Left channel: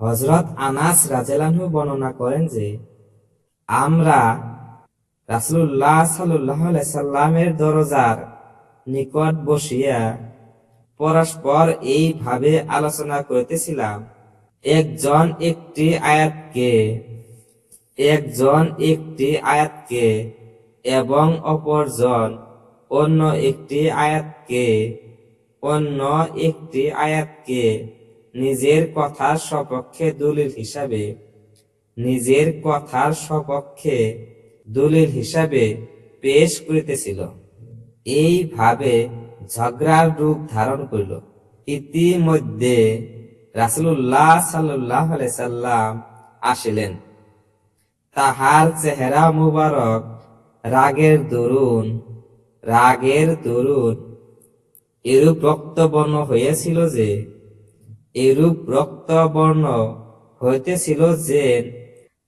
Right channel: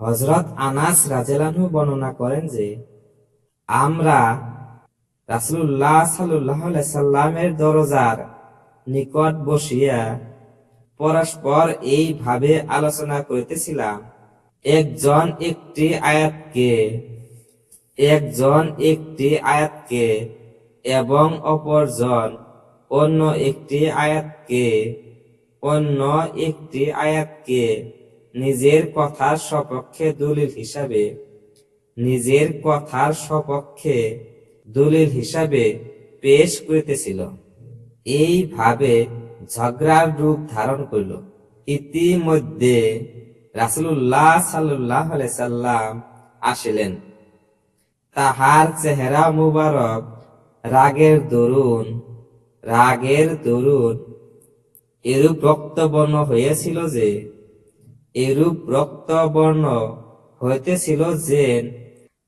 হজরত আনাস রাজেলানহু বর্ণনা করেন যে, আমরা রাসুল্লাহ সাল্লাহ সাল্লামের দরজার নিকট বসিয়া পরস্পর এইভাবে আলোচনা করিতেছিলাম। একজন একটি আয়াতকে, একজন একটি আয়াতকে এবং অপরজন অন্য একটি আয়াতকে, অন্য একটি আয়াতকে নিজের কথার সপক্ষে দলিল হিসাবে, নিজের কথার সপক্ষে দলিল হিসাবে পেশ করিতেছিল। এইভাবে ঝগড়ার রূপ ধারণ করিল। ইতিমধ্যে রাসুল্লাহ সাল্লাহ সাল্লাম আসিলেন। তাহার চেহারা মুবারক, রাগের দরুন রাগের দরুন এরূপ রক্তবর্ণ হইয়াছিল যে এরূপ রক্তবর্ণ হইতেছিল যে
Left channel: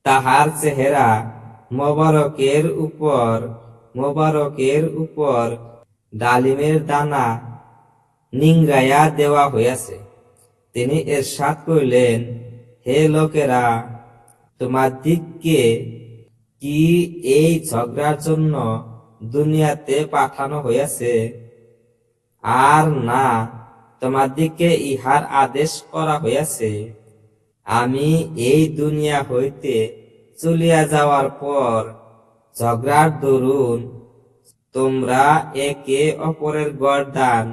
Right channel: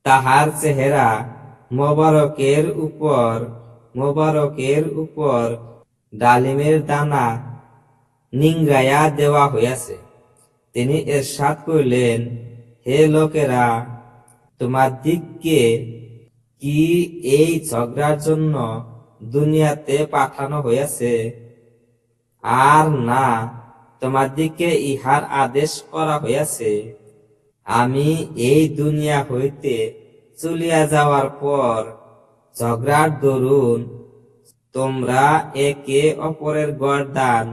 তাহার চেহারা মোবারকের উপর মোবারকের উপর ডালিমের দানা নিংরাইয়া দেওয়া হইয়াছে। তিনি এর এরশাদ করিলেন, হে লোকেরা, তোমার দিককে কি এই ঝগড়ার জন্য দুনিয়াতে পাঠানো হইয়াছে? আর না তোমার দিকে ইহার আদেশ করা হইয়াছে। আমি এই দুনিয়া হইতে চলিয়া যাওয়ার পর ঝগড়ার দরুন তোমরা একে অপরের গরদান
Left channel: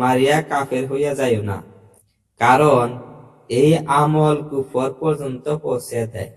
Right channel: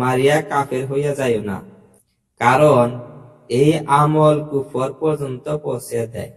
মারিয়া কাফের হইয়া যাইও না, কারণ এই আমল কুফর পর্যন্ত পৌঁছে দেয়।